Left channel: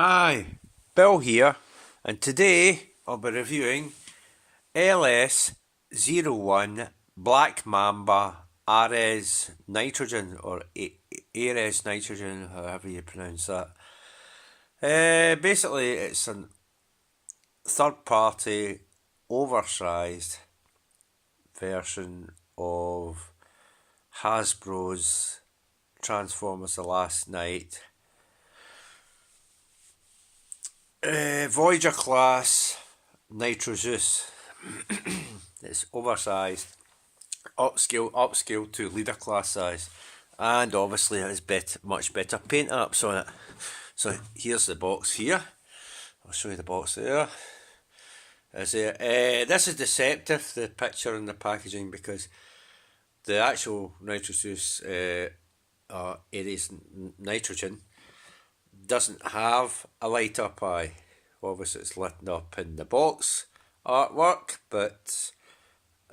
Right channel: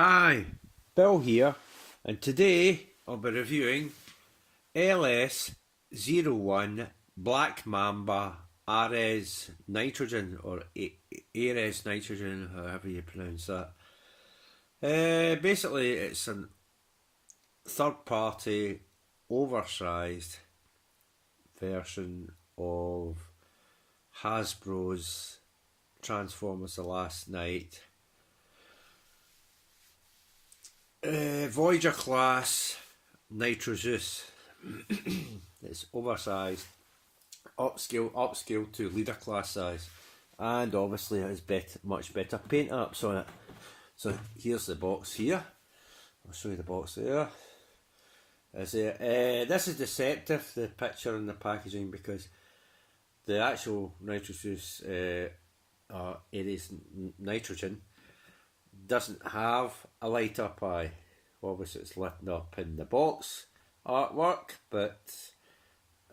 Hi, Bill here, and today I'll be reviewing LS-01 Black Mamba Ares Nitrogen, or Ares Nitrogen, however you pronounce that. Basically, it's a third-party, oversized version of Hasbro's Transformers The Last Night. Voyager class Nitro Zeus. It's oversized, upscale to leader class size, and obviously it has much better paint apps on it. So here's the box here. I'll show you the box there. This is deceptive, the picture and the packaging, because the actual Nitro Zeus Ares Nitrogen doesn't have a light up eye. Obviously it's lit up in the box artwork,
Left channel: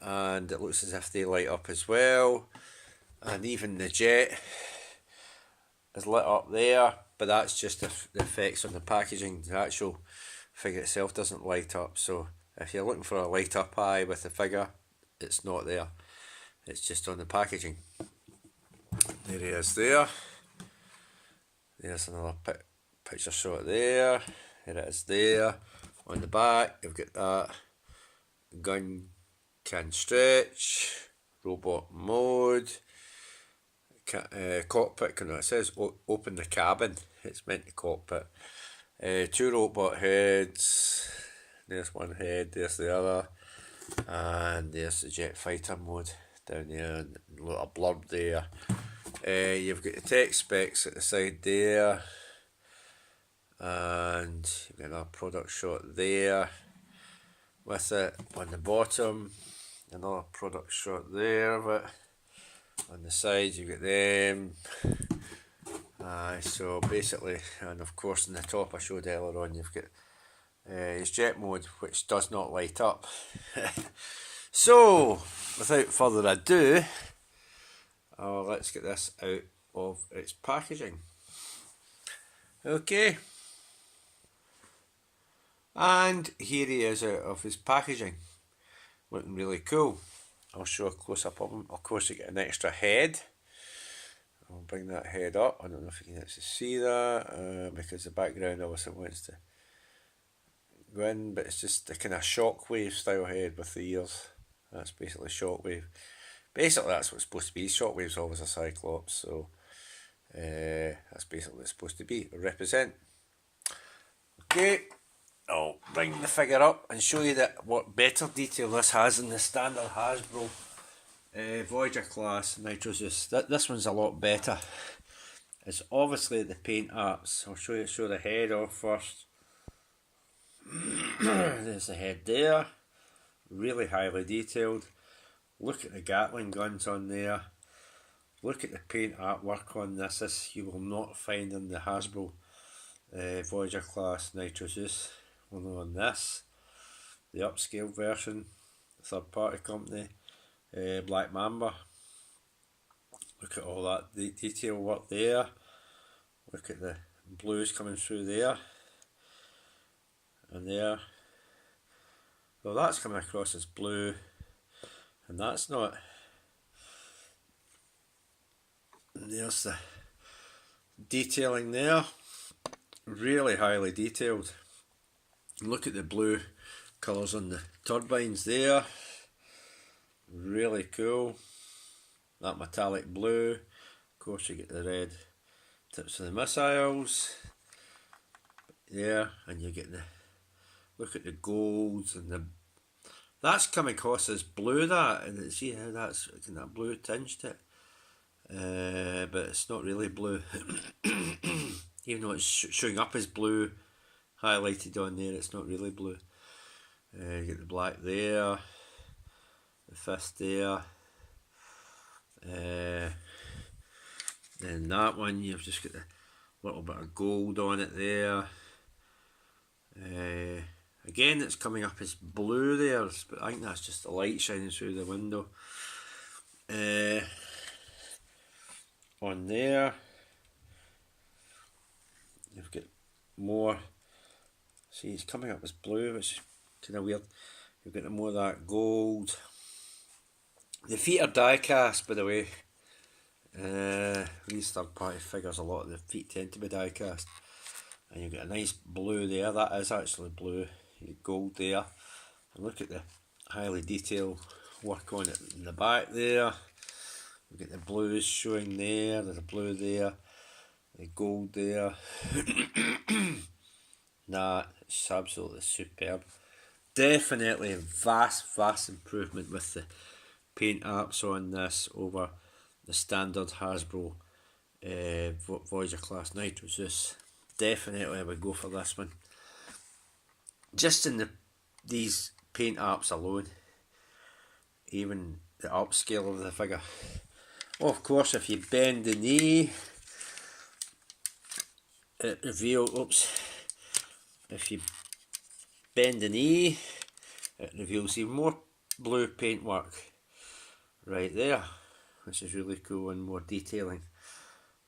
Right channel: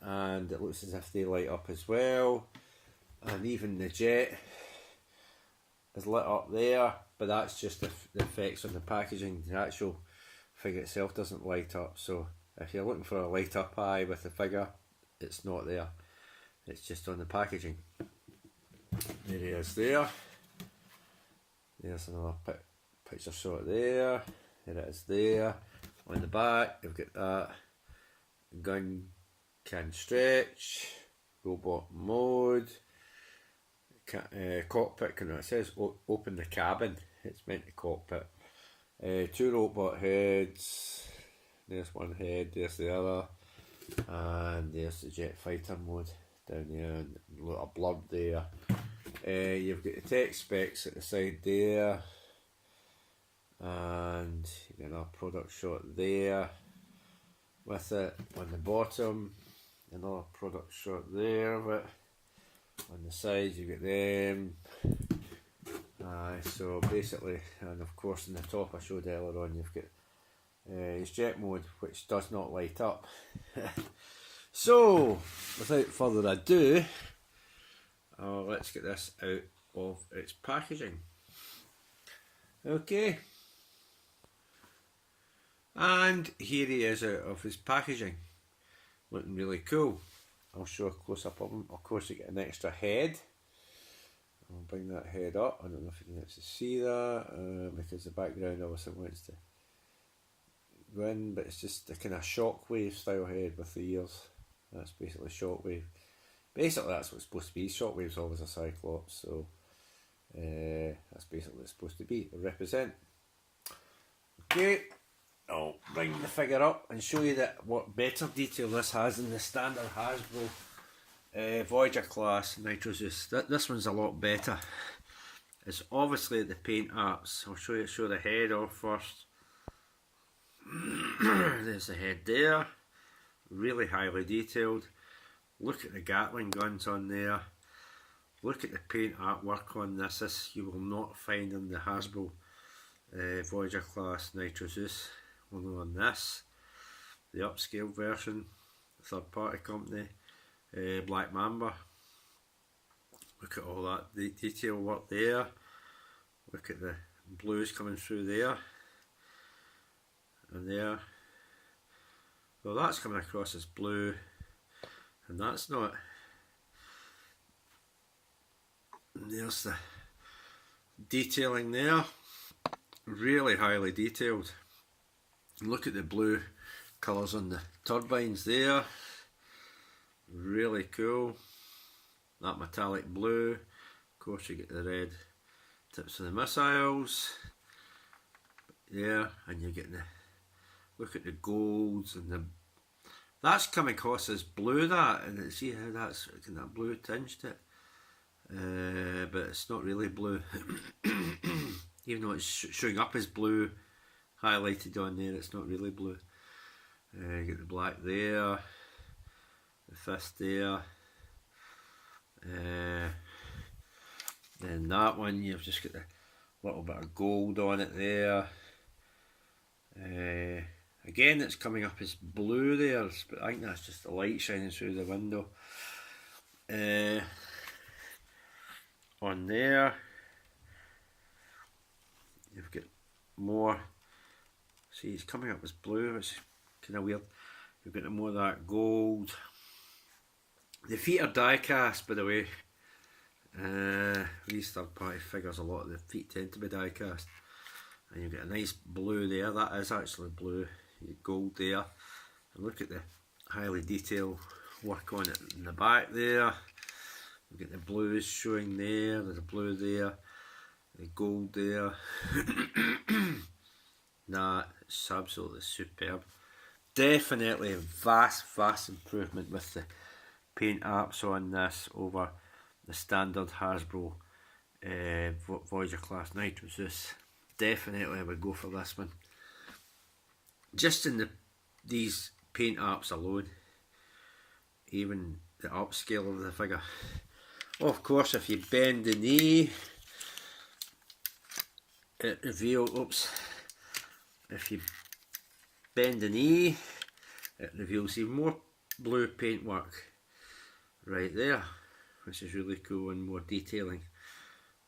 and it looks as if they light up as well, and even the jet is lit up there, but that's just the effects on the packaging. The actual figure itself doesn't light up, so if you're looking for a light up eye with the figure, it's not there, it's just on the packaging. There he is there. There's another picture shot there. Here it is there. On the back, you've got that. Gun can stretch. Robot mode. Cockpit, it says open the cabin. It's meant to cockpit. Two robot heads. There's one head, there's the other. And there's the jet fighter mode down there. And a little blurb there. You've got the tech specs at the side there, and you've got another product shot there with it on the bottom, another product shot there, but on the sides you've got them. So basically, and of course on the top I showed earlier on, you've got his jet mode, which does not light up. So without further ado, let's get this out of its packaging. Okay. And here he is out of his packaging. Looking really cool. I'll show a close up of him. Of course you get an extra head. I'll bring that head up. I don't know if you can actually see that, because the background obviously wants to go in, but it's just a kind of shockwave style head with the ears. That's basically shockwave. Basically that's what it's supposed to be. Shockwave's always a Cyclops, so that's basically what it's supposed to be, represent. Okay, I'll bring the figure up and show you that what better detail this has than the standard Hasbro Voyager class Nitro Zeus. This one's a lot better. It's obviously the paint apps. I'll show the head off first. There's the head there, really highly detailed. Look at the Gatling guns on there. Look at the paint artwork on this. This you will not find in the Hasbro Voyager class Nitro Zeus. Only on this. The upscale version, third party company, Black Mamba. Look at all that detail work there. Look at the blues coming through there. And there. So that's coming across as blue. And that's not. And there's the detailing there, really highly detailed. Look at the blue colours on the turbines there, really cool. That metallic blue, of course you get the red tips of the missiles there, and you get the, look at the golds and the, that's coming across as blue, that, and see how that's kind of blue tinged it, but it's not really blue. Even though it's showing up as blue, highlighted on there, it's not really blue. You get the black there, the fifth there, then that one you've just got a little bit of gold on it there. Again, it's coming up as blue there, but I think that's just the light shining through the window. On there, you've got more. See, it's coming up as blue, which is kind of weird. You've got more of that gold. The feet are die cast, by the way. These third party figures, a lot of the feet tend to be die cast. And you get a nice blue there, that is actually blue. You get gold there. And look at the highly detailed work on it in the back there. You get the blues showing there, there's a blue there, the gold there. Nah, it's absolutely superb. Definitely a vast improvement with the paint apps on this over the standard Hasbro Voyager class Nitro Zeus. Definitely I would go for this one. Just in these paint apps alone, even the upscale of the figure. Oh, of course, if you bend the knee, it reveals, oops, if you bend the knee, it reveals even more blue paintwork right there, which is really cool, and more detailing,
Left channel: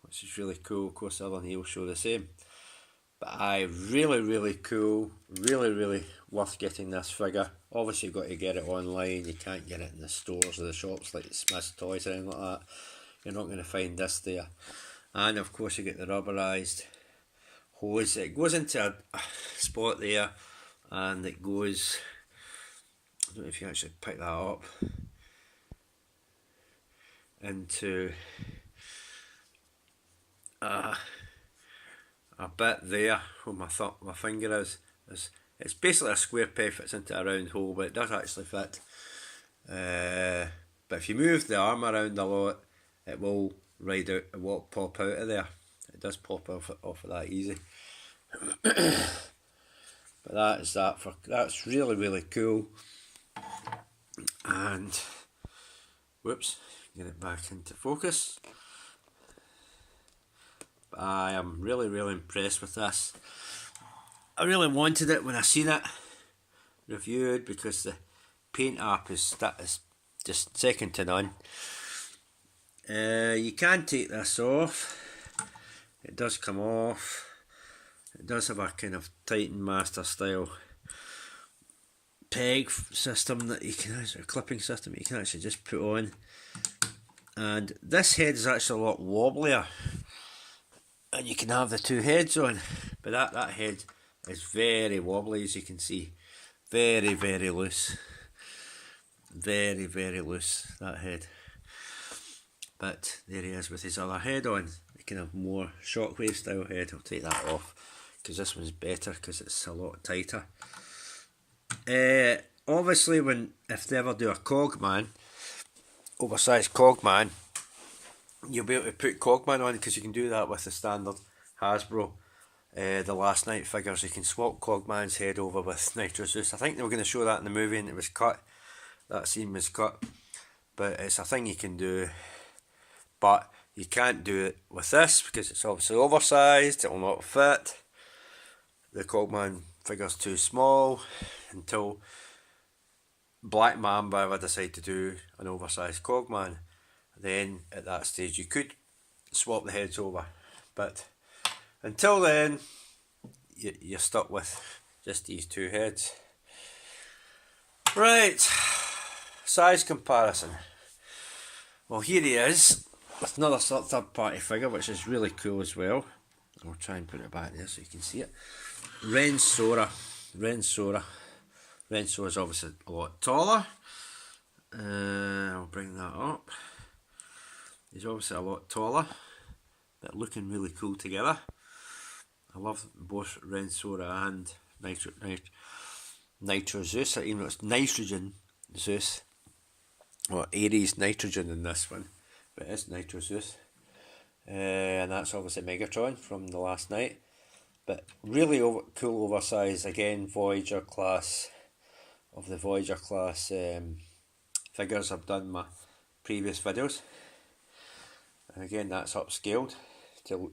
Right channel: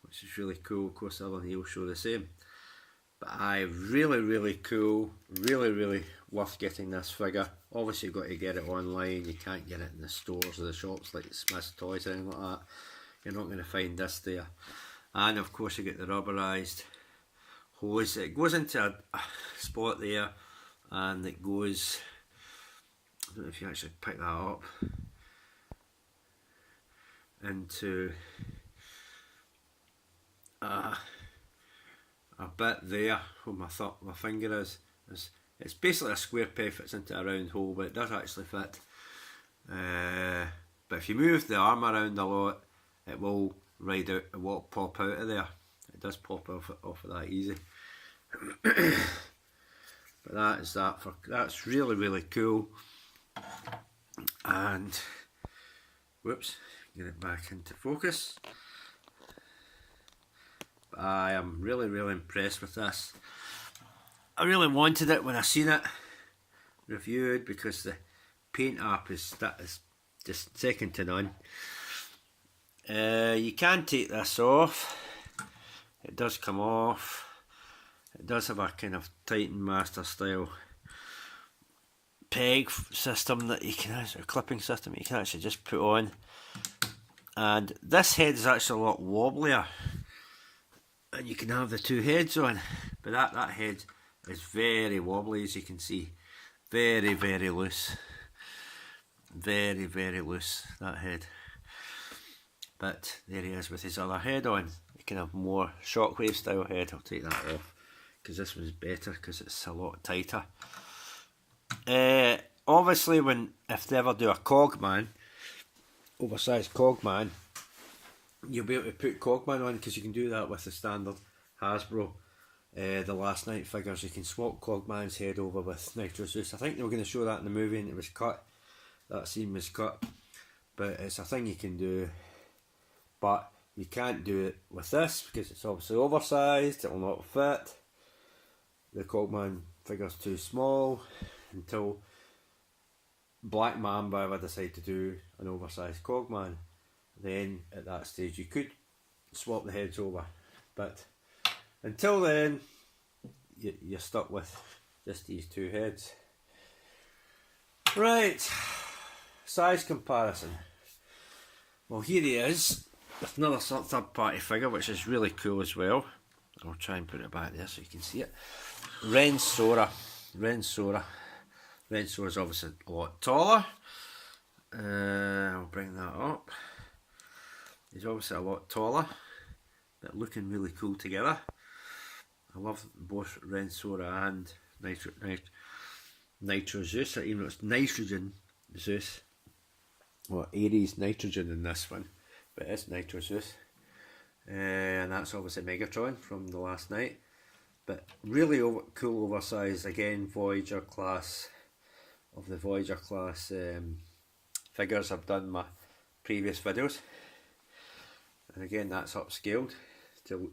which is really cool. Of course, the other knee will show the same. But really cool, really worth getting this figure. Obviously, you've got to get it online. You can't get it in the stores or the shops like Smith's Toys or anything like that. You're not going to find this there. And of course, you get the rubberized hose. It goes into a spot there, and it goes, I don't know if you actually pick that up, into a bit there where my finger is. It's basically a square peg fits into a round hole, but it does actually fit. But if you move the arm around a lot, it will ride out, it will pop out of there. It does pop off of that easy. But that is that for, that's really cool. And whoops, get it back into focus. But I am really impressed with this. I really wanted it when I seen it reviewed, because the paint app is just second to none. You can take this off. It does come off. It does have a kind of Titan Master style peg system that you can actually, clipping system you can actually just put on. And this head is actually a lot wobblier, and you can have the two heads on, but that head is very wobbly, as you can see. Very loose. Very loose, that head. But there he is with his other head on. You can have more shockwave style head. I'll take that off, because this one's better, because it's a lot tighter. Obviously, if they ever do a Cogman, oversized Cogman, you'll be able to put Cogman on, because you can do that with the standard Hasbro the Last Night figures. You can swap Cogman's head over with Nitro Zeus. I think they were going to show that in the movie and it was cut. That scene was cut, but it's a thing you can do. But you can't do it with this, because it's obviously oversized. It will not fit. The Cogman figure's too small. Until Black Mamba ever decide to do an oversized Cogman, then at that stage you could swap the heads over, but until then you're stuck with just these two heads. Right, size comparison. Well, here he is with another third party figure, which is really cool as well. I'll try and put it back there so you can see it. Ren Sora is obviously a lot taller. I'll bring that up. He's obviously a lot taller, but looking really cool together. I love both Ren Sora and Nitro Zeus, or even though it's Nitrogen Zeus. Well, Ares Nitrogen in this one, but it's Nitro Zeus. And that's obviously Megatron from the Last Night. But really cool oversized, again, Voyager class, of the Voyager class figures I've done in my previous videos. And again, that's upscaled to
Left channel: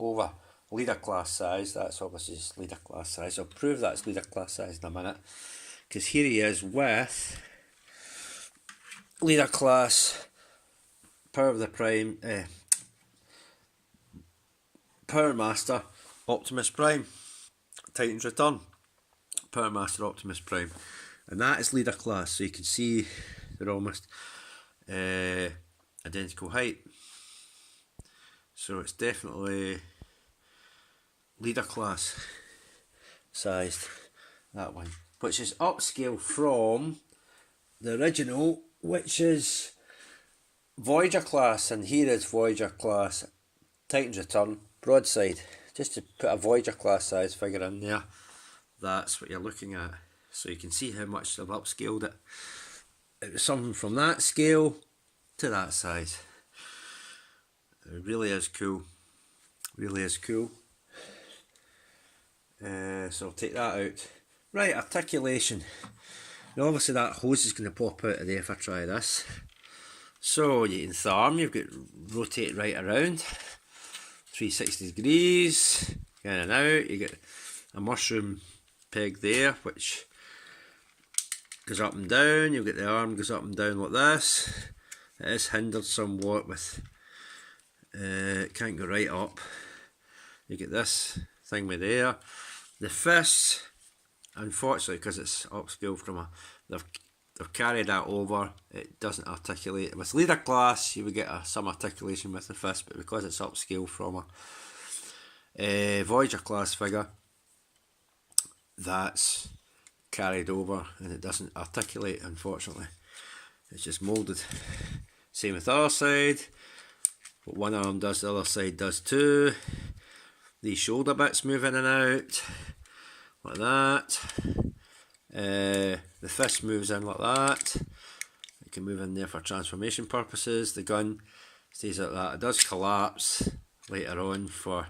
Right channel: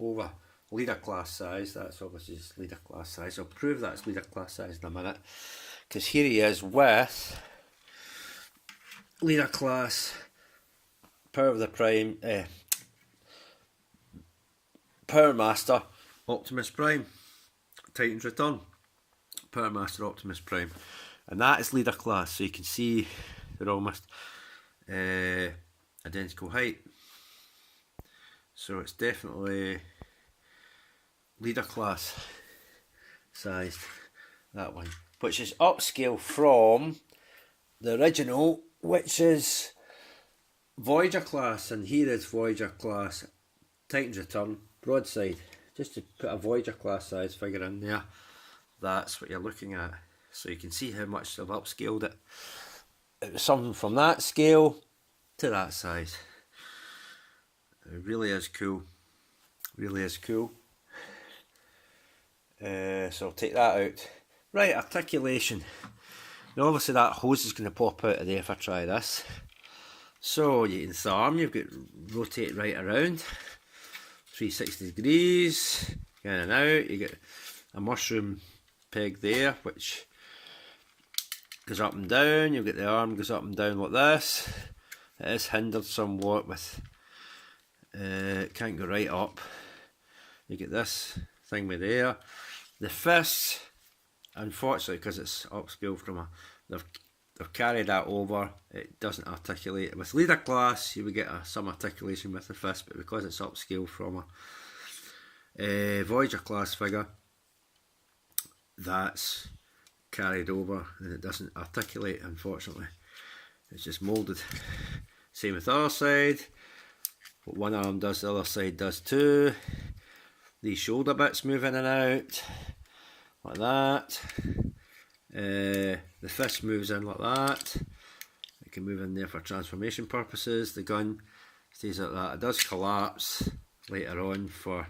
over leader class size. That's obviously just leader class size. I'll prove that's leader class size in a minute, because here he is with leader class Power of the Prime, Power Master Optimus Prime. Titan's Return, Power Master Optimus Prime, and that is leader class, so you can see they're almost identical height, so it's definitely leader class sized, that one, which is upscale from the original, which is Voyager class, and here is Voyager class Titan's Return broadside. Just to put a Voyager class size figure in there, that's what you're looking at, so you can see how much they've upscaled it. It was something from that scale to that size. It really is cool, really is cool. So I'll take that out. Right, articulation. Now obviously that hose is going to pop out of there if I try this. So you can arm, you've got rotate right around, 360 degrees, in and out. You get a mushroom peg there, which goes up and down. You've got the arm goes up and down like this. It is hindered somewhat with, it can't go right up. You get this thing with there. The fist, unfortunately, because it's upscale from a, they've carried that over, it doesn't articulate. With leader class, you would get some articulation with the fist, but because it's upscale from a Voyager class figure, that's carried over and it doesn't articulate, unfortunately. It's just moulded. Same with the other side. What one arm does, the other side does too. These shoulder bits move in and out, like that. The fist moves in like that. It can move in there for transformation purposes. The gun stays like that. It does collapse later on for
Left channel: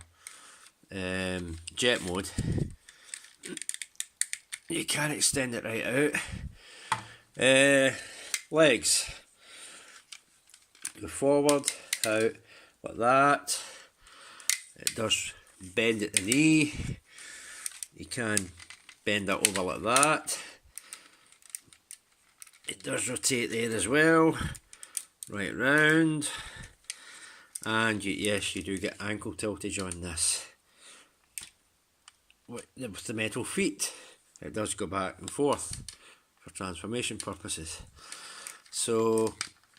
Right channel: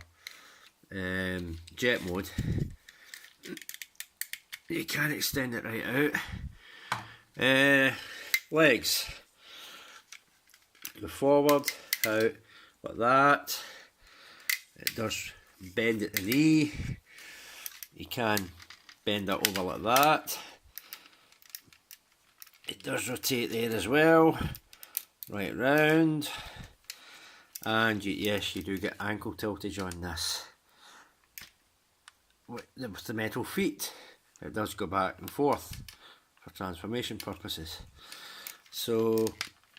jet mode. You can extend it right out. Legs. Go forward, out, like that. It does bend at the knee. You can bend that over like that. It does rotate there as well, right round. And yes, you do get ankle tiltage on this. With the metal feet, it does go back and forth for transformation purposes. So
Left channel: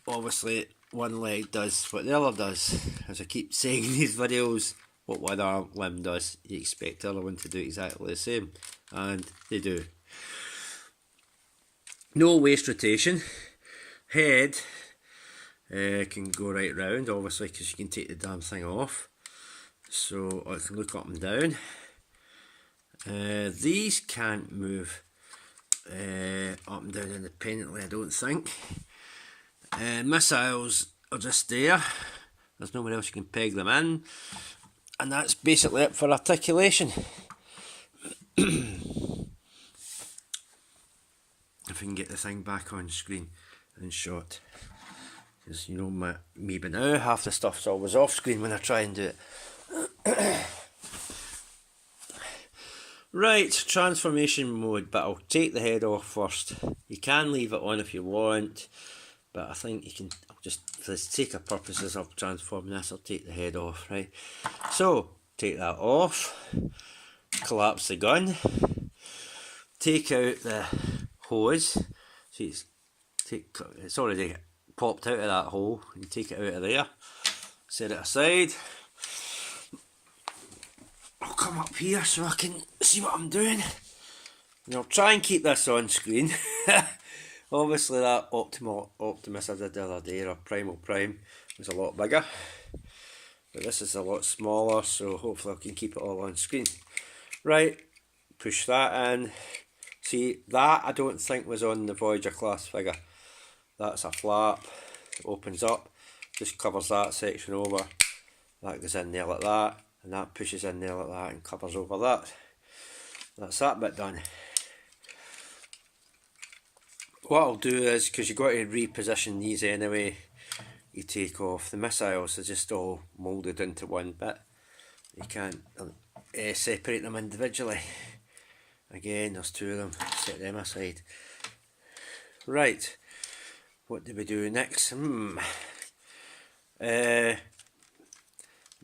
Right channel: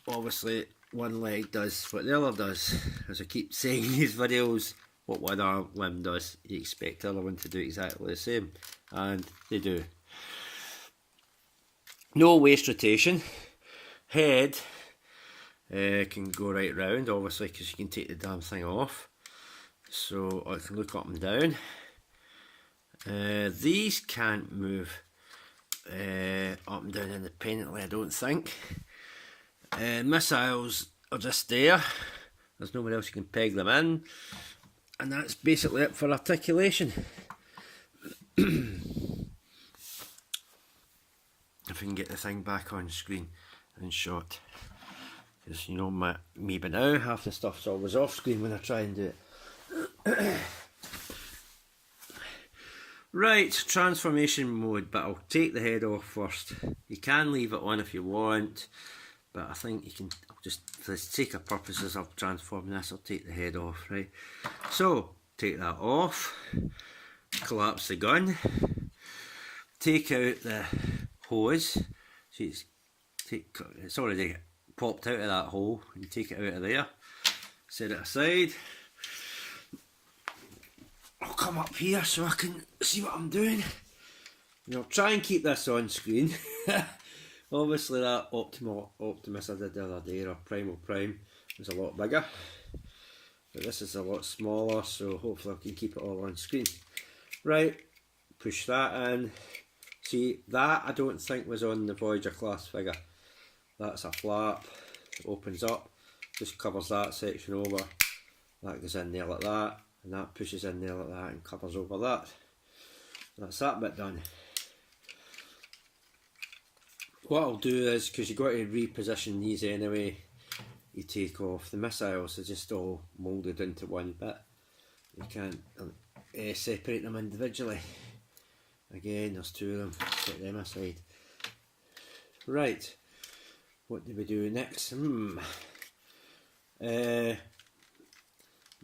obviously one leg does what the other does. As I keep saying in these videos, what one arm limb does, you expect the other one to do exactly the same, and they do. No waist rotation. Head can go right round, obviously, because you can take the damn thing off, so it can look up and down. These can't move up and down independently, I don't think. Missiles are just there. There's nowhere else you can peg them in. And that's basically it for articulation. If we can get the thing back on screen and shot. Because you know me by now, half the stuff's always off screen when I try and do it. Right, transformation mode, but I'll take the head off first. You can leave it on if you want, but I think you can, I'll just, for the sake of purposes of transforming this, I'll take the head off, right? So, take that off, collapse the gun, take out the hose, see it's already popped out of that hole, and take it out of there, set it aside. I'll come up here so I can see what I'm doing, and I'll try and keep this on screen. Obviously that Optimus I did the other day, or Primal Prime, was a lot bigger, but this is a lot smaller, so hopefully I can keep it all on screen. Right, push that in. See, that I don't think was on the Voyager class figure. That's a flap, it opens up, just covers that section over, that goes in there like that, and that pushes in there like that and covers over that. That's that bit done. What I'll do is, because you've got to reposition these anyway, you take off the missiles, they're just all moulded into one bit. You can't separate them individually. Again, there's two of them, set them aside. Right, what do we do next?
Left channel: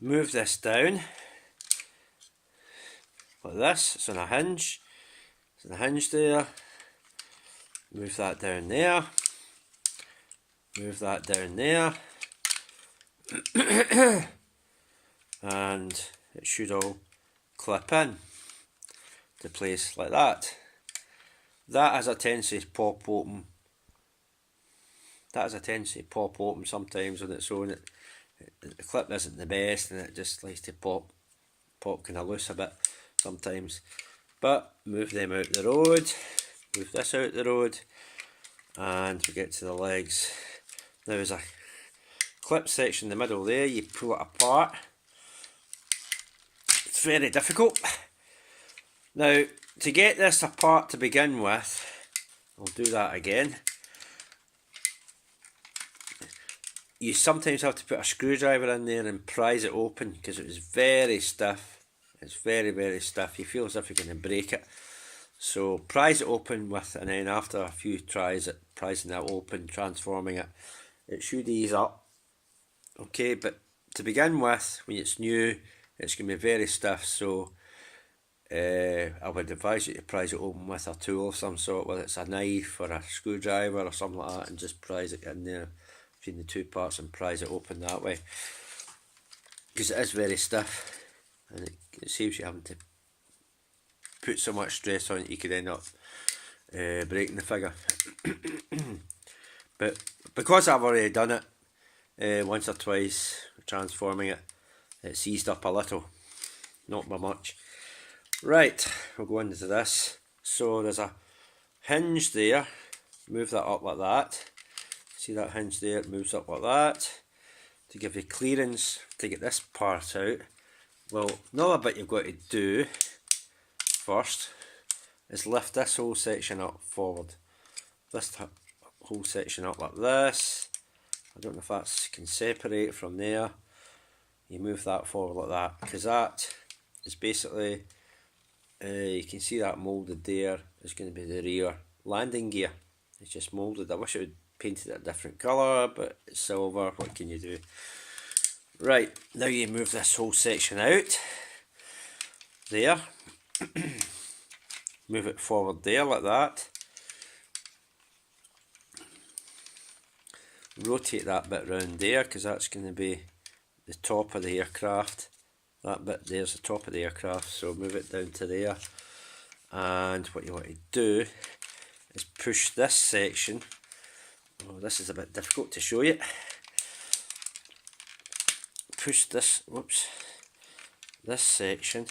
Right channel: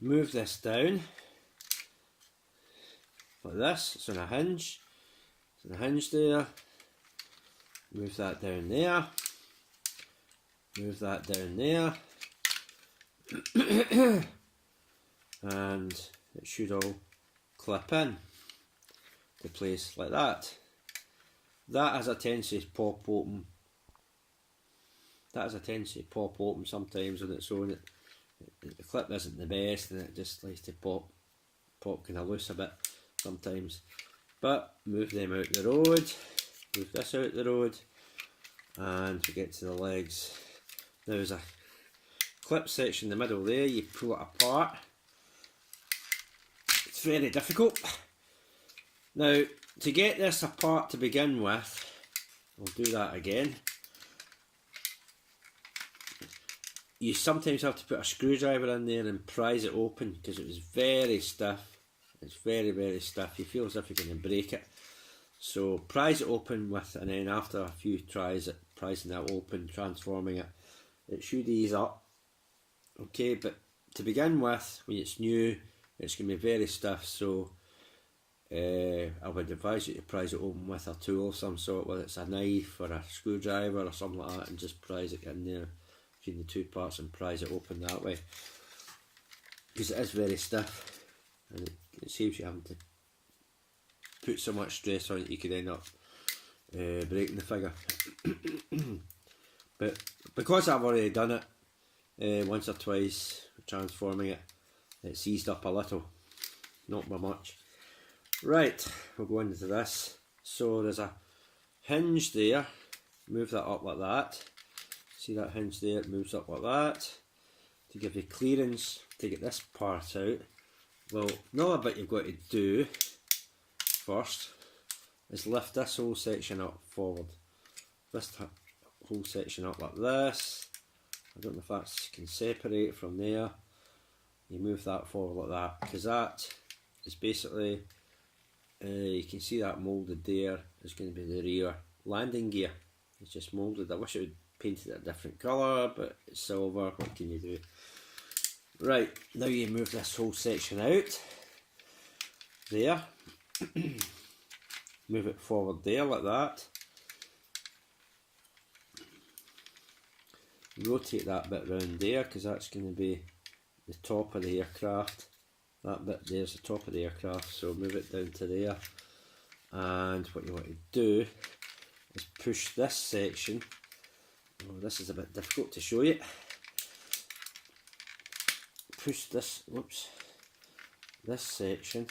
Move this down, like this. It's on a hinge. It's on a hinge there. Move that down there. Move that down there. And it should all clip in to place like that. That has a tendency to pop open. That has a tendency to pop open sometimes on its own. The clip isn't the best, and it just likes to pop kind of loose a bit sometimes. But move them out the road. Move this out the road, and we get to the legs. Now there's a clip section in the middle there. You pull it apart. It's very difficult. Now, to get this apart to begin with, I'll do that again. You sometimes have to put a screwdriver in there and prise it open because it was very stiff. It's very, very stiff. You feel as if you're going to break it. So prise it open with, and then after a few tries at prising that open, transforming it, it should ease up. Okay, but to begin with, when it's new, it's going to be very stiff. So I would advise you to prise it open with a tool of some sort, whether it's a knife or a screwdriver or something like that, and just prise it in there between the two parts and prise it open that way, because it is very stiff, and it saves you having to put so much stress on it you could end up breaking the figure. But because I've already done it once or twice, transforming it, it's eased up a little, not by much. Right, we'll go into this. So there's a hinge there. Move that up like that. See that hinge there? It moves up like that to give you clearance to get this part out. Well, another bit you've got to do first is lift this whole section up forward. This whole section up like this. I don't know if that can separate from there. You move that forward like that, because that is basically, you can see that moulded there is going to be the rear landing gear. It's just moulded. I wish it would painted it a different colour, but it's silver. What can you do? Right, now you move this whole section out there. Move it forward there like that. Rotate that bit round there, because that's going to be the top of the aircraft. That bit there's the top of the aircraft, so move it down to there. And what you want to do is push this section. Oh, this is a bit difficult to show you. Push this, whoops, this section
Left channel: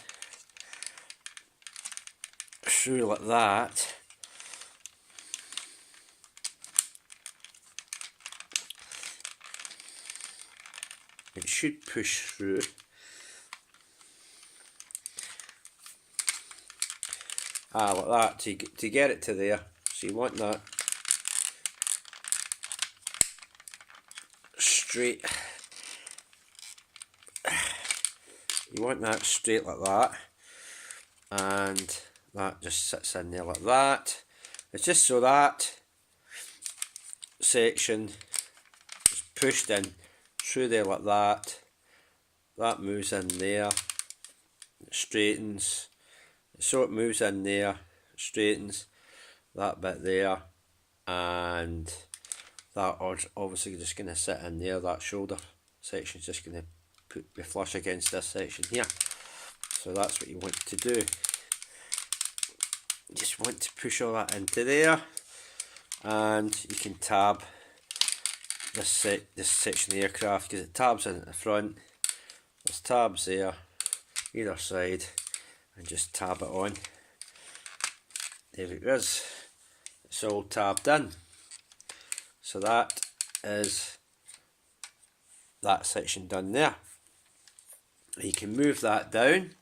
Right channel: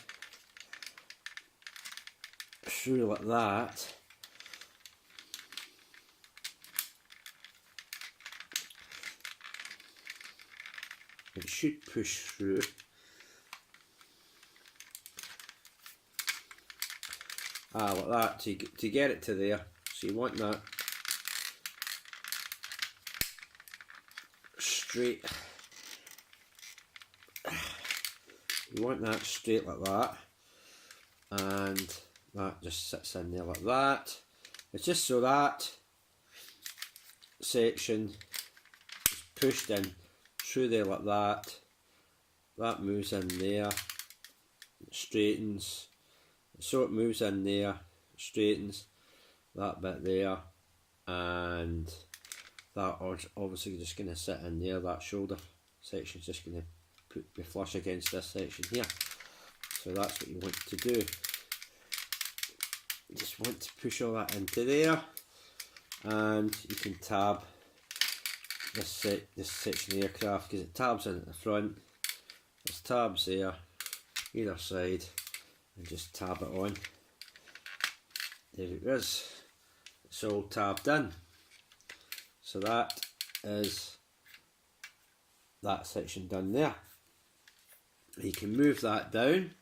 through like that. It should push through. Like that, to get it to there. So you want that straight. You want that straight like that, and that just sits in there like that. It's just so that section is pushed in through there like that. That moves in there, it straightens. So it moves in there, straightens that bit there, and that obviously just going to sit in there. That shoulder section is just going to be flush against this section here. So that's what you want to do. You just want to push all that into there, and you can tab this section of the aircraft, because it tabs in at the front. There's tabs there either side, and just tab it on. There it is. It's all tabbed in. So that is that section done there. You can move that down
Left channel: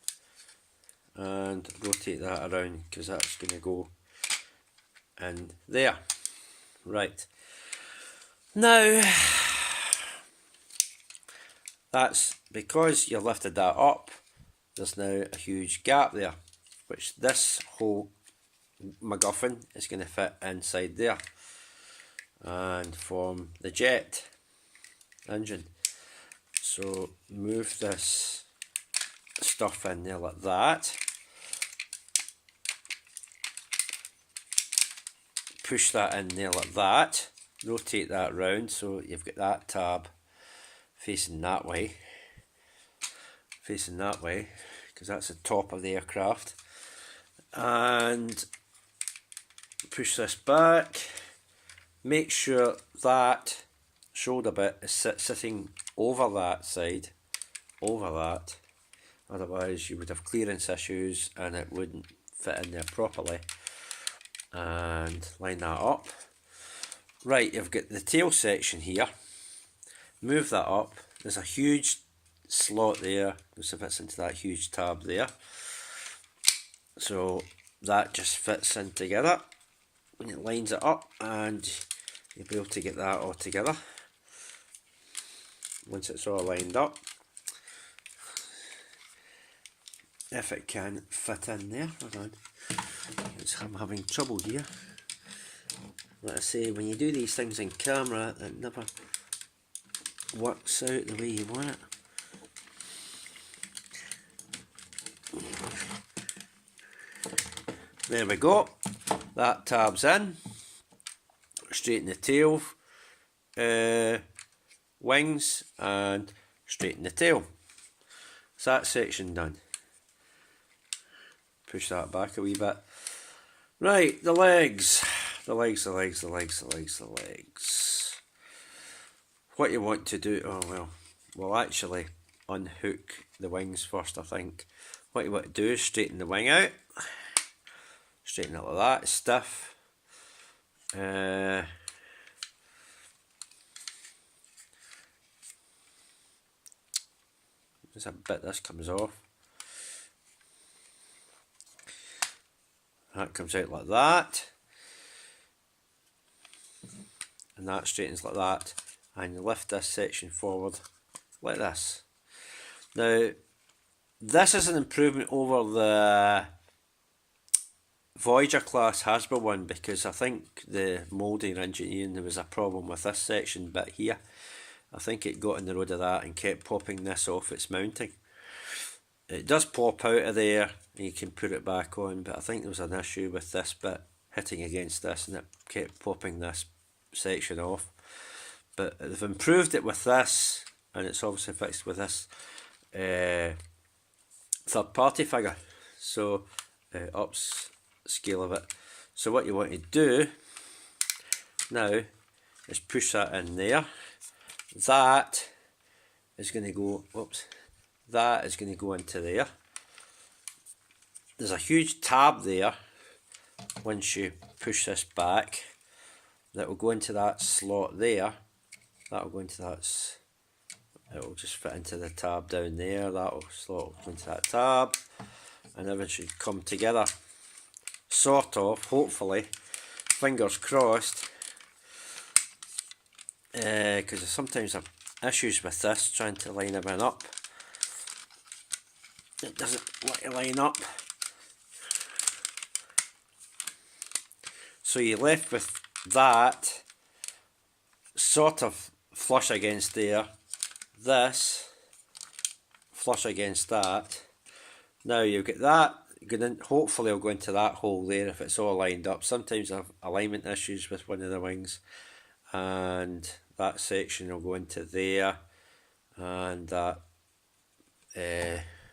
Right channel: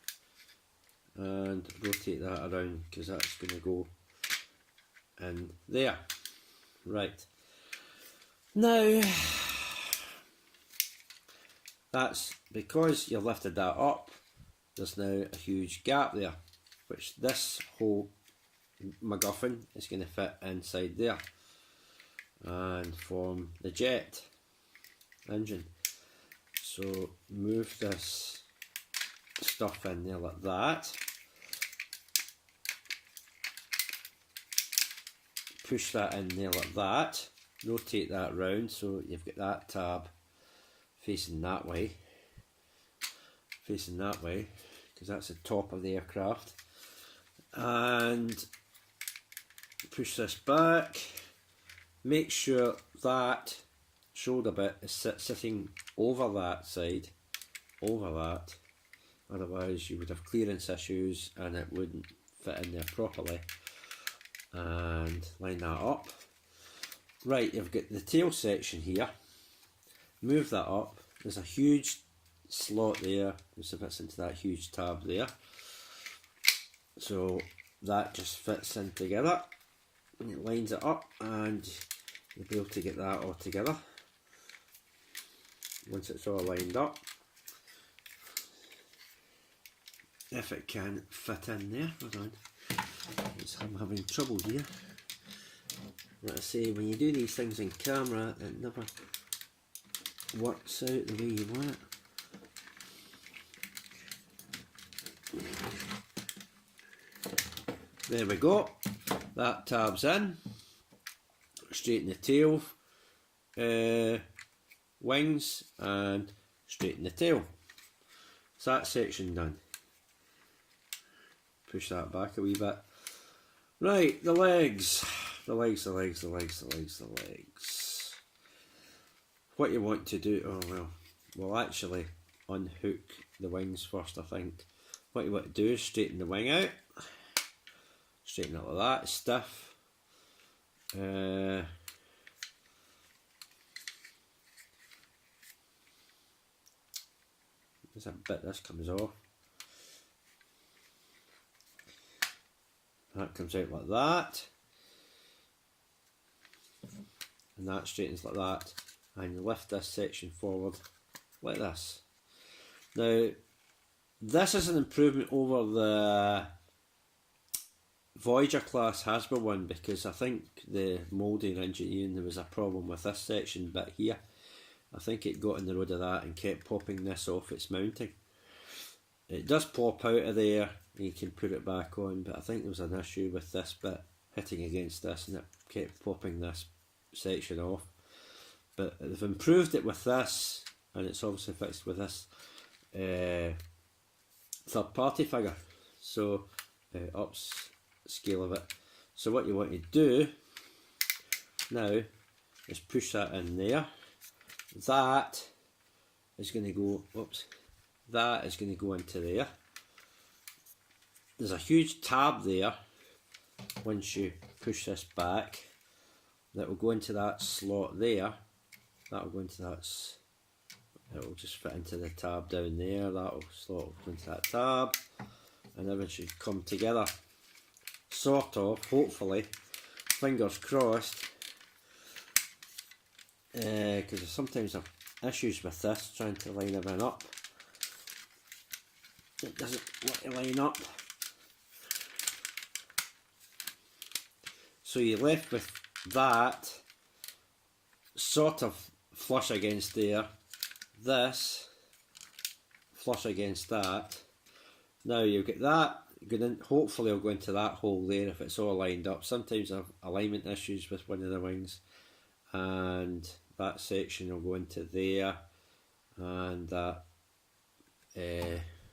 and rotate that around, because that's going to go in there. Right. Now, that's because you lifted that up. There's now a huge gap there, which this whole MacGuffin is going to fit inside there and form the jet engine. So move this stuff in there like that. push that in there like that, rotate that round so you've got that tab facing that way, because that's the top of the aircraft, and push this back, make sure that shoulder bit is sitting over that side, otherwise you would have clearance issues and it wouldn't fit in there properly. And line that up. Right, you've got the tail section here, move that up, there's a huge slot there, which fits into that huge tab there, so that just fits in together and it lines it up, and you'll be able to get that all together once it's all lined up, if it can fit in there. Hold on, I'm having trouble here. Like I say, when you do these things in camera, it never works out the way you want it. There we go, that tab's in. Straighten the tail, wings, and straighten the tail. So that section done. Push that back a wee bit. Right, the legs. What you want to do, we'll actually unhook the wings first, I think. What you want to do is straighten the wing out. Straighten it like that, it's stiff. There's a bit this comes off. That comes out like that. And that straightens like that. And you lift this section forward like this. Now, this is an improvement over the Voyager class Hasbro one, because I think the moulding engineering, there was a problem with this section bit here. I think it got in the road of that and kept popping this off its mounting. It does pop out of there and you can put it back on, but I think there was an issue with this bit hitting against this and it kept popping this section off. But they've improved it with this, and it's obviously fixed with this third party figure, so ups scale of it. So what you want to do now is push that in there. That is going to go, that is going to go into there. There's a huge tab there once you push this back that will go into that slot there. That will go into that, it will just fit into the tab down there. That will slot will go into that tab, and everything should come together, sort of, hopefully, fingers crossed, because sometimes I have issues with this, trying to line everything up. It doesn't want to line up. So you're left with that sort of flush against there, this flush against that. Now you get that going in, hopefully it'll go into that hole there if it's all lined up. Sometimes I have alignment issues with one of the wings, and that section will go into there, and that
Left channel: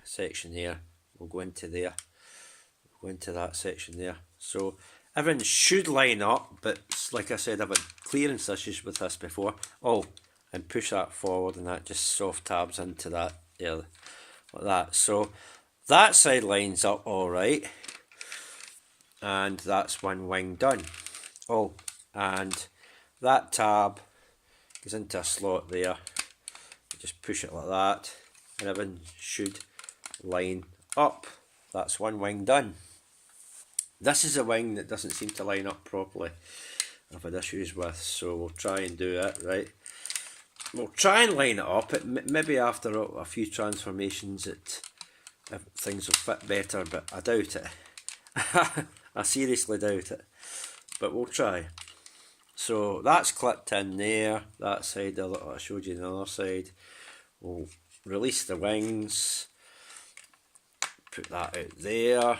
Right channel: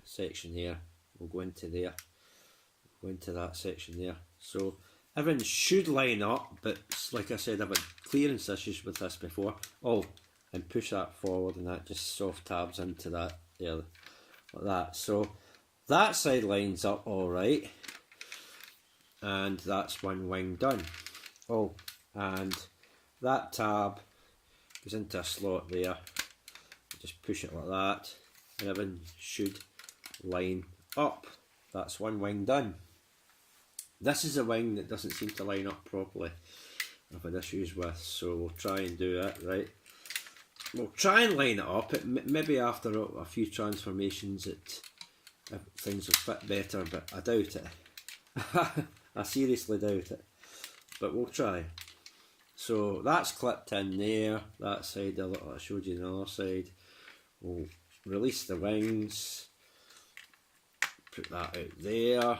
section here will go into there, go into that section there. So everything should line up, but like I said, I've had clearance issues with this before. And push that forward, and that just soft tabs into that there, like that. So that side lines up alright, and that's one wing done. And that tab goes into a slot there. Just push it like that, and everything should line up. That's one wing done. This is a wing that doesn't seem to line up properly, I've had issues with, so we'll try and do it right. We'll try and line it up. Maybe after a few transformations things will fit better, but I doubt it. I seriously doubt it, but we'll try. So that's clipped in there, that side, I showed you the other side. We'll release the wings, put that out there.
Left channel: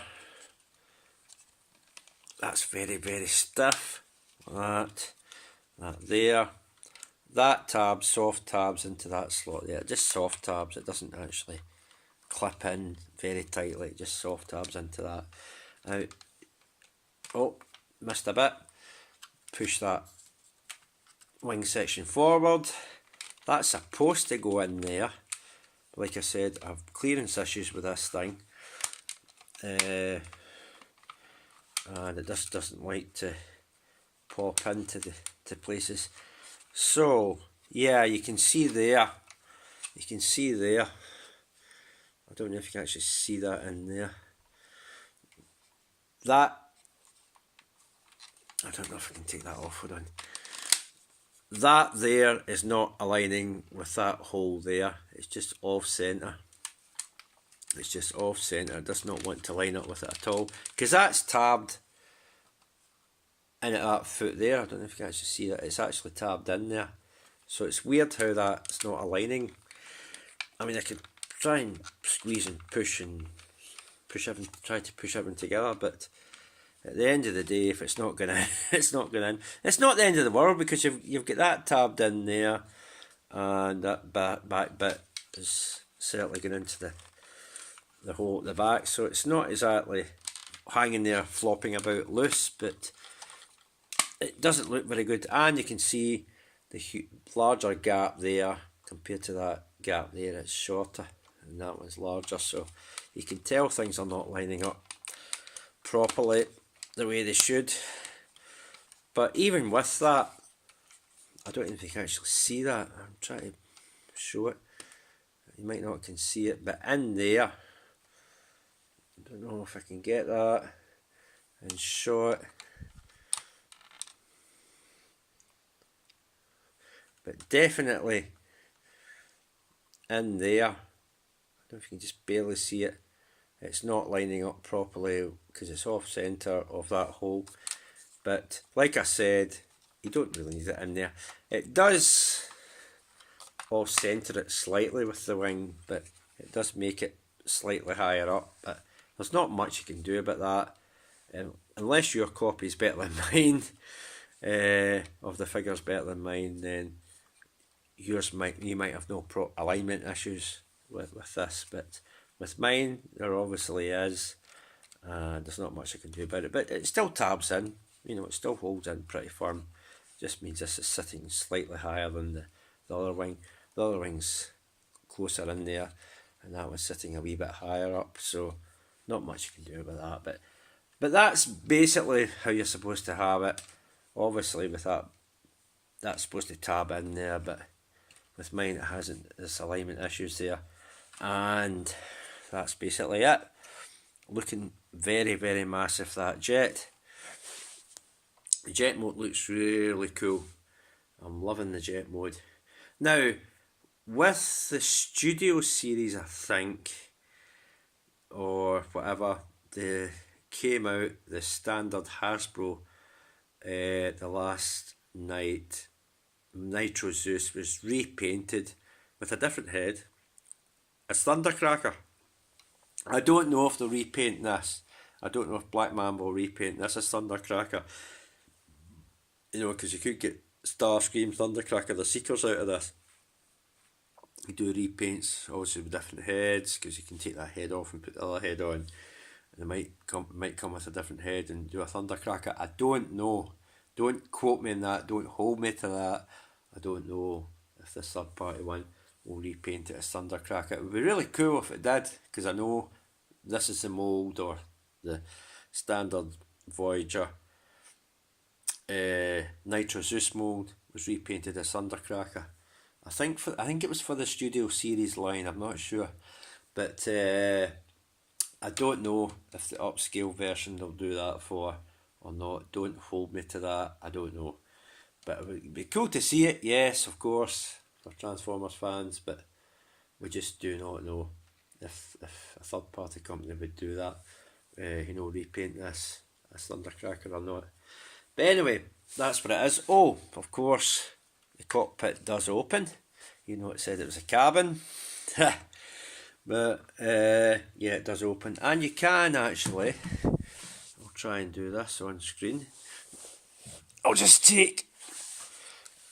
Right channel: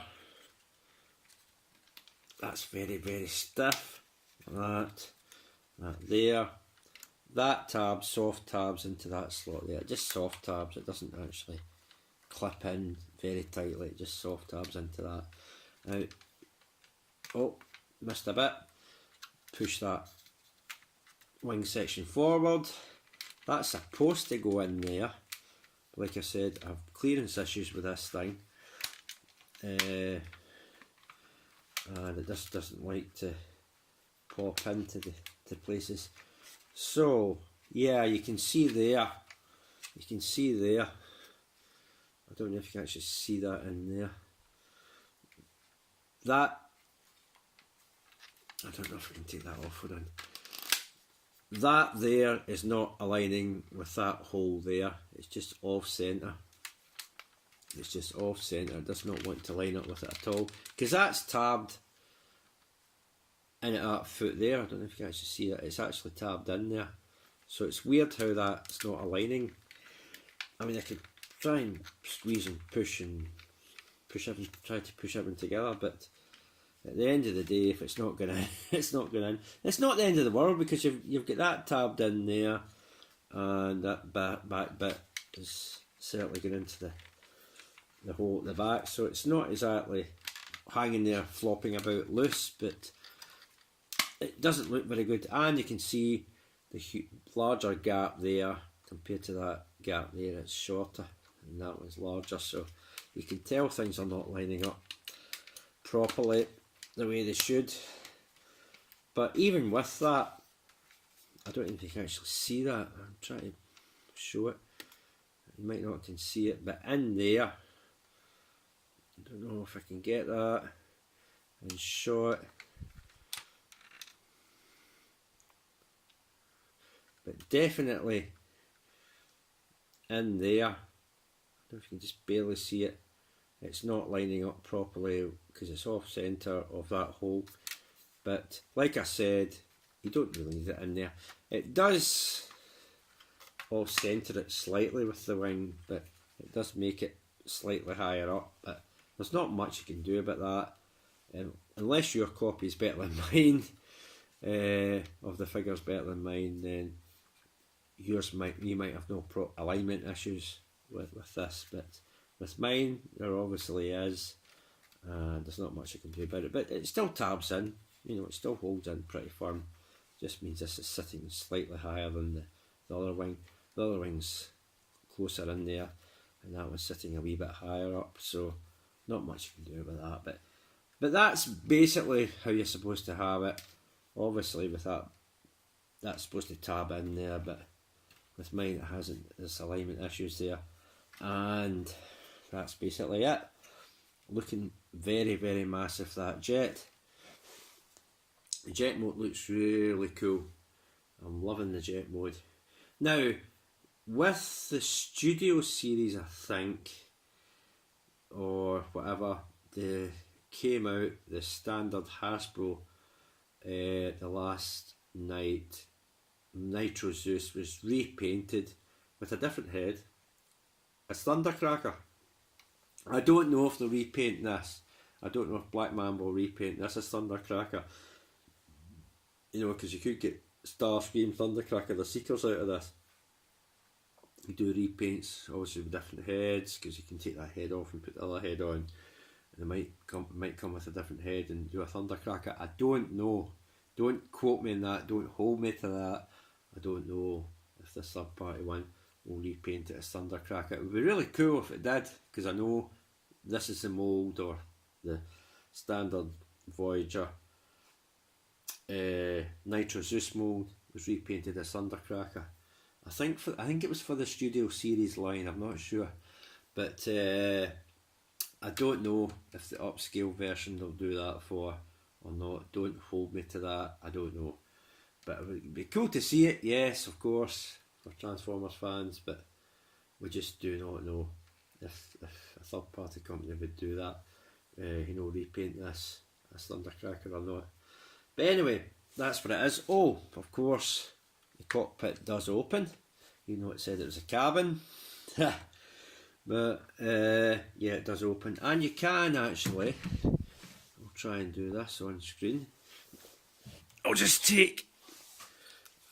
That's very, very stiff. that there. That tab, soft tabs into that slot there, just soft tabs, it doesn't actually clip in very tightly, just soft tabs into that. Now, oh, missed a bit, push that wing section forward, that's supposed to go in there. Like I said, I have clearance issues with this thing, and it just doesn't like to pop into the places. So yeah, you can see there, I don't know if you can actually see that in there, that, I don't know if I can take that off, hold on. That there is not aligning with that hole there, it's just off centre. It's just off centre, it does not want to line up with it at all, because that's tabbed in at that foot there. I don't know if you can actually see that, it's actually tabbed in there. So it's weird how that's not aligning. I mean, I could try and squeeze and push everything, try to push everything together, but at the end of the day, if it's not gonna, it's not going in. It's not the end of the world, because you've got that tabbed in there, and that back bit is certainly going into the hole at the back. So it's not exactly hanging there flopping about loose, but it doesn't look very good. And you can see the larger gap there compared to that gap there, it's shorter, and that one's larger. So you can tell things are not lining up properly the way they should. But even with that, I don't know if you can actually see that. I'm trying to show it. You might not can see it, but in there, I don't know if I can get that and show it. But definitely in there, I don't know if you can just barely see it, it's not lining up properly because it's off centre of that hole. But like I said, you don't really need it in there. It does off centre it slightly with the wing, but it does make it slightly higher up, but there's not much you can do about that, unless your copy is better than mine, of the figures better than mine, then you might have no alignment issues with this, but with mine there obviously is, and there's not much I can do about it. But it still tabs in, you know, it still holds in pretty firm. Just means this is sitting slightly higher than the other wing. The other wing's closer in there, and that one's sitting a wee bit higher up, so not much you can do about that. But that's basically how you're supposed to have it. Obviously with that's supposed to tab in there, but with mine it hasn't. There's alignment issues there, and that's basically it. Looking very, very massive, that jet. The jet mode looks really cool. I'm loving the jet mode. Now, with the Studio series, I think, or whatever, they came out, the standard Hasbro, the last night, Nitro Zeus was repainted with a different head as Thundercracker. I don't know if they'll repaint this. I don't know if Black Mamba will repaint this as Thundercracker. You know, because you could get Starscream, Thundercracker, the Seekers out of this. You do repaints, obviously with different heads, because you can take that head off and put the other head on. And they might come with a different head and do a Thundercracker. I don't know. Don't quote me on that. Don't hold me to that. I don't know if this third party one will repaint it as Thundercracker. It would be really cool if it did, because I know this is the mould, or the standard Voyager Nitro Zeus mould was repainted as Thundercracker. I think it was for the Studio series line. I'm not sure, but I don't know if the upscale version they'll do that for or not. Don't hold me to that. I don't know, but it would be cool to see it. Yes, of course, for Transformers fans, but we just do not know if a third party company would do that. You know, repaint this as Thundercracker or not. But anyway, that's what it is. Oh, of course, the cockpit does open. You know, it said it was a cabin. But yeah, it does open. And you can actually, I'll try and do this on screen. I'll just take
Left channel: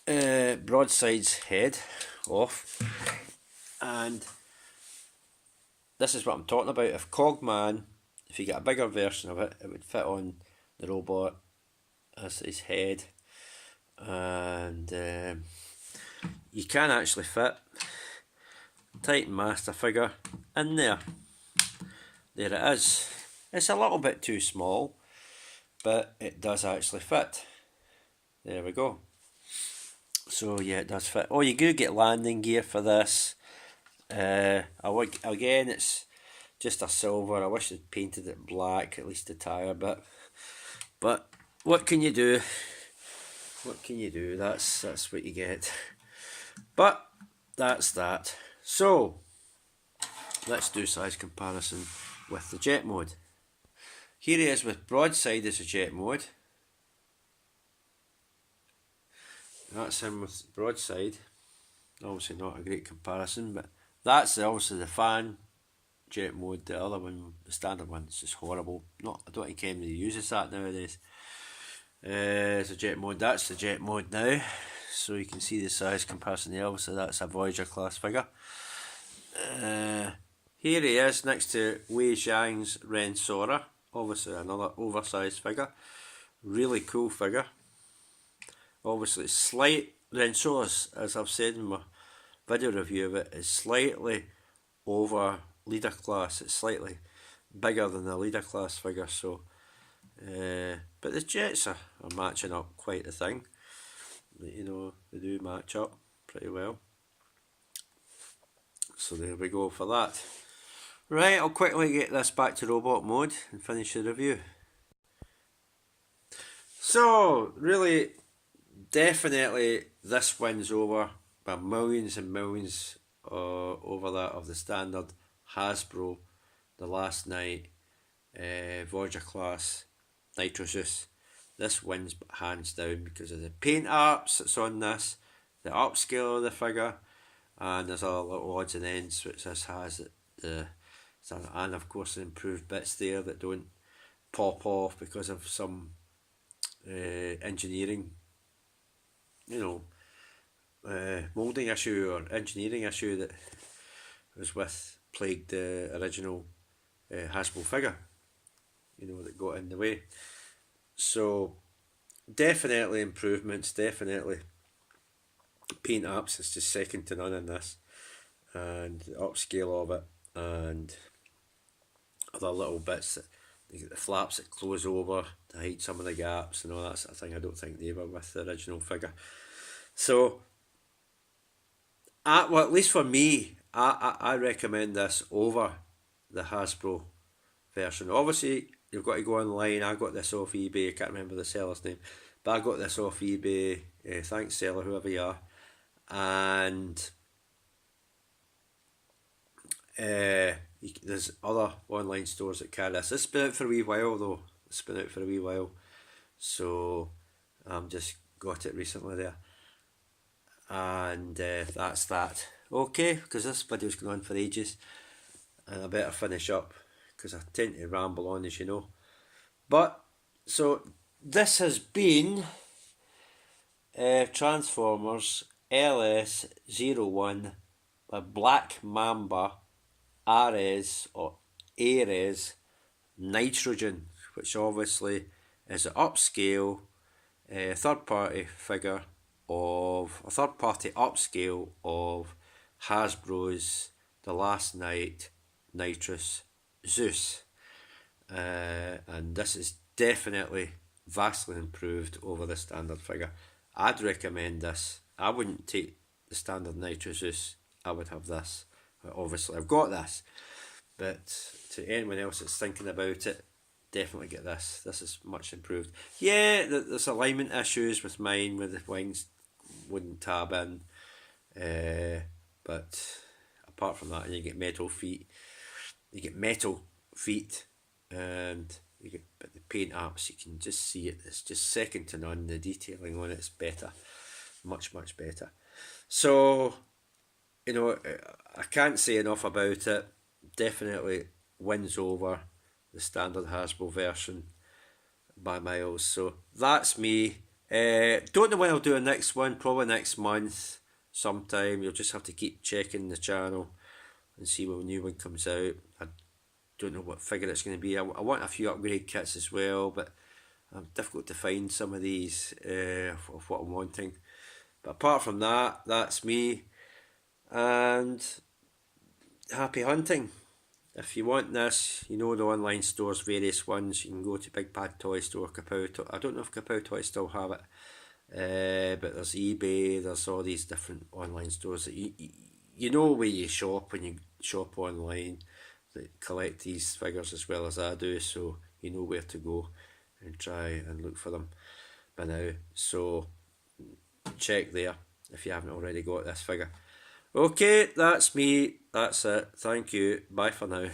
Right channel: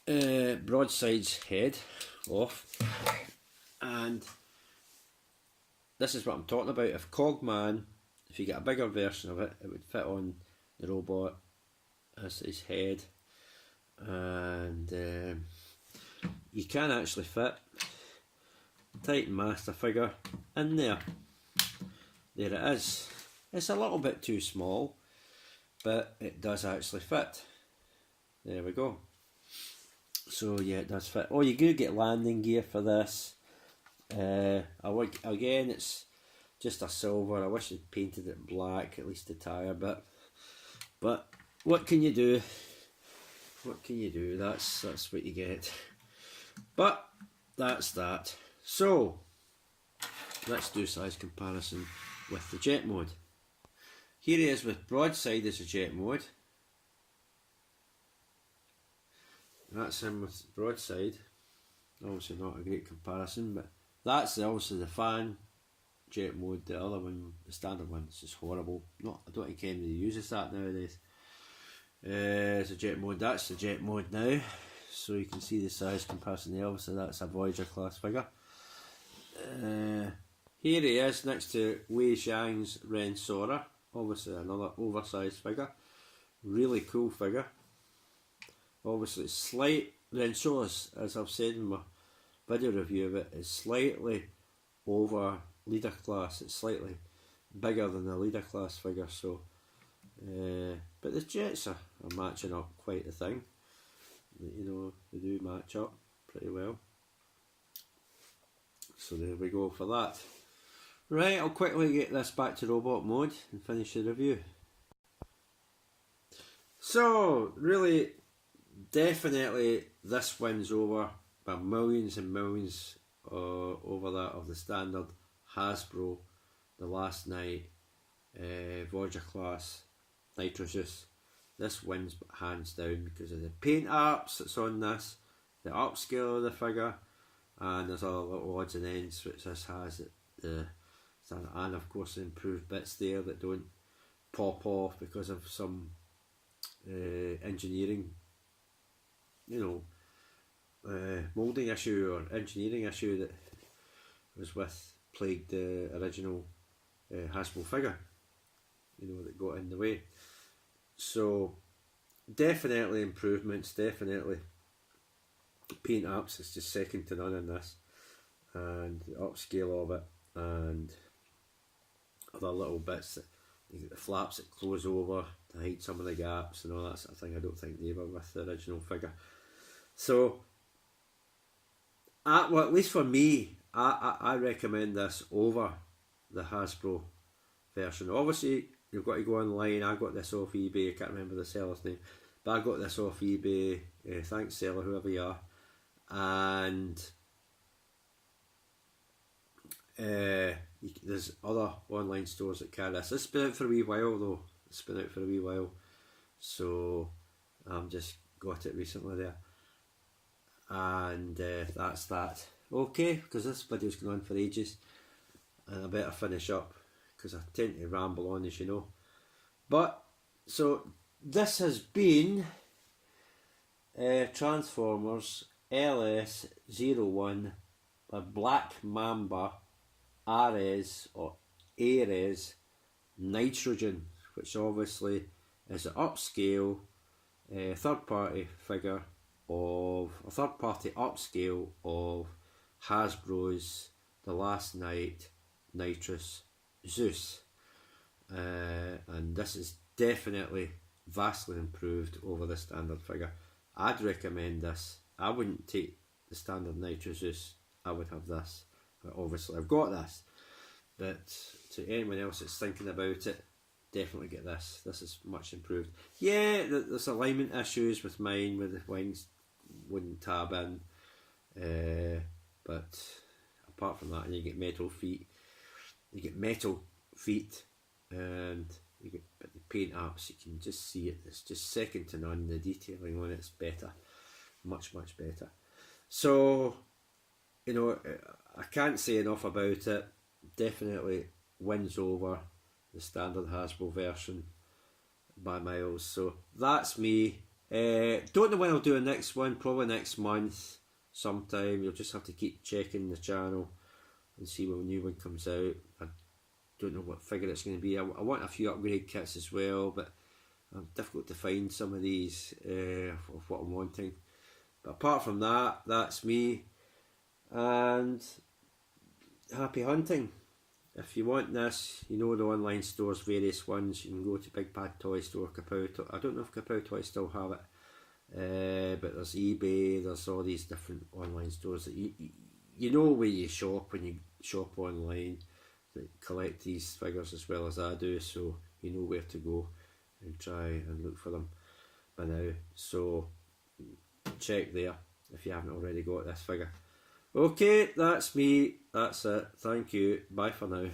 Broadside's head off, and this is what I'm talking about. If Cogman, if you get a bigger version of it, it would fit on the robot as his head, and you can actually fit Titan Master figure in there. There it is. It's a little bit too small, but it does actually fit. There we go. So yeah, it does fit. Oh, you do get landing gear for this. Again, it's just a silver. I wish they'd painted it black, at least the tyre bit. But what can you do? What can you do? That's what you get. But that's that. So let's do size comparison with the jet mode. Here he is with Broadside as a jet mode. That's him with Broadside. Obviously not a great comparison, but that's obviously the fan jet mode. The other one, the standard one, is just horrible. I don't think anybody uses that nowadays. It's a jet mode. That's the jet mode now. So you can see the size comparison there. Obviously that's a Voyager class figure. Here he is next to Wei Zhang's Ren Sora. Obviously another oversized figure. Really cool figure. Obviously slight, Ren Sora's, as I've said in my video review of it, is slightly over leader class. It's slightly bigger than the leader class figure, so but the jets are matching up quite a thing. You know, they do match up pretty well. So there we go for that. Right, I'll quickly get this back to robot mode and finish the review. So, really, definitely this wins over by millions and millions over that of the standard Hasbro, the Last Night, Voyager class, Nitro Zeus. This wins hands down because of the paint apps that's on this, the upscale of the figure, and there's all little odds and ends which this has, and of course the improved bits there that don't pop off because of some engineering, moulding issue or engineering issue that was plagued the original Hasbro figure, that got in the way. So definitely improvements, definitely paint apps, it's just second to none in this, and the upscale of it, and other little bits that you get the flaps that close over to hide some of the gaps and all that sort of thing. I don't think they were with the original figure. So well, at least for me, I recommend this over the Hasbro version. Obviously you've got to go online. I got this off eBay, I can't remember the seller's name, but I got this off eBay, thanks seller, whoever you are, and there's other online stores that carry this. It's been out for a wee while though, so just got it recently there, and that's that. Okay, because this video's going on for ages and I better finish up because I tend to ramble on, as you know. But so this has been Transformers LS-01 by Black Mamba Ares or Ares Nitrogen, which obviously is an upscale third-party figure of a third-party upscale of Hasbro's The Last Night Nitrous Zeus, and this is definitely vastly improved over the standard figure. I'd recommend this. I wouldn't take the standard Nitro Zeus, I would have this. Obviously I've got this, but to anyone else that's thinking about it, definitely get this. This is much improved. Yeah, there's alignment issues with mine, where the wings wouldn't tab in, but apart from that, you get metal feet, and you get, but the paint apps, you can just see it, it's just second to none. The detailing on it's better, much better. So I can't say enough about it. Definitely wins over the standard Hasbro version by miles. So that's me. Don't know when I'll do a next one, probably next month sometime. You'll just have to keep checking the channel and see when a new one comes out. I don't know what figure it's going to be. I want a few upgrade kits as well, but difficult to find some of these of what I'm wanting. But apart from that, that's me, and happy hunting. If you want this, you know the online stores, various ones. You can go to Big Bad Toy Store, Kapow. I don't know if Kapow Toys still have it, but there's eBay. There's all these different online stores that you know where you shop when you shop online, that collect these figures as well as I do, so you know where to go and try and look for them by now. So check there if you haven't already got this figure. Okay, that's me. That's it. Thank you. Bye for now.